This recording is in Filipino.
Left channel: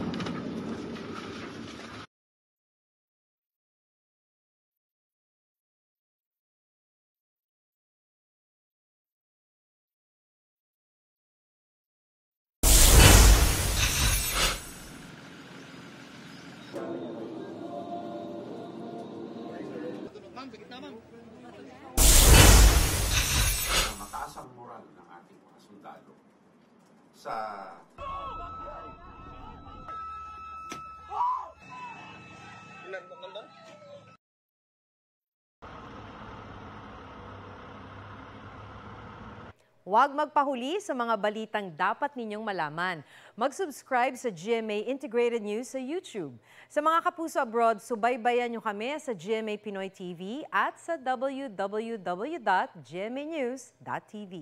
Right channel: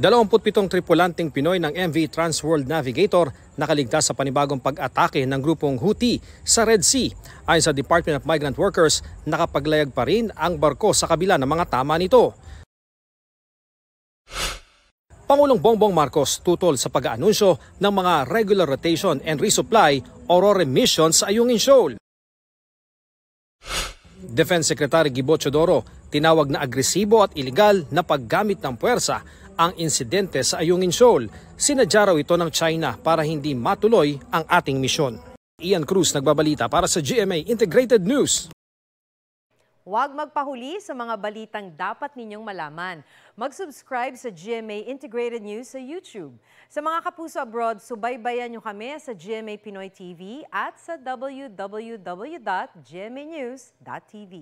27 tripulanteng Pinoy ng MV Transworld Navigator nakaligtas sa panibagong pag-atake ng grupong Houthi sa Red Sea. Ayon sa Department of Migrant Workers, nakapaglayag pa rin ang barko sa kabila ng mga tama nito. Pangulong Bongbong Marcos tutol sa pag-aanunsyo ng mga regular rotation and resupply o RORE missions sa Ayungin Shoal. Defense Secretary Gibo Teodoro tinawag na agresibo at iligal na paggamit ng puwersa ang insidente sa Ayungin Shoal. Sinadya raw ito ng China para hindi matuloy ang ating misyon. Ian Cruz nagbabalita para sa GMA Integrated News. Huwag magpahuli sa mga balitang dapat ninyong malaman. Mag-subscribe sa GMA Integrated News sa YouTube. Sa mga kapuso abroad, subaybayan nyo kami sa GMA Pinoy TV at sa www.gmanews.tv.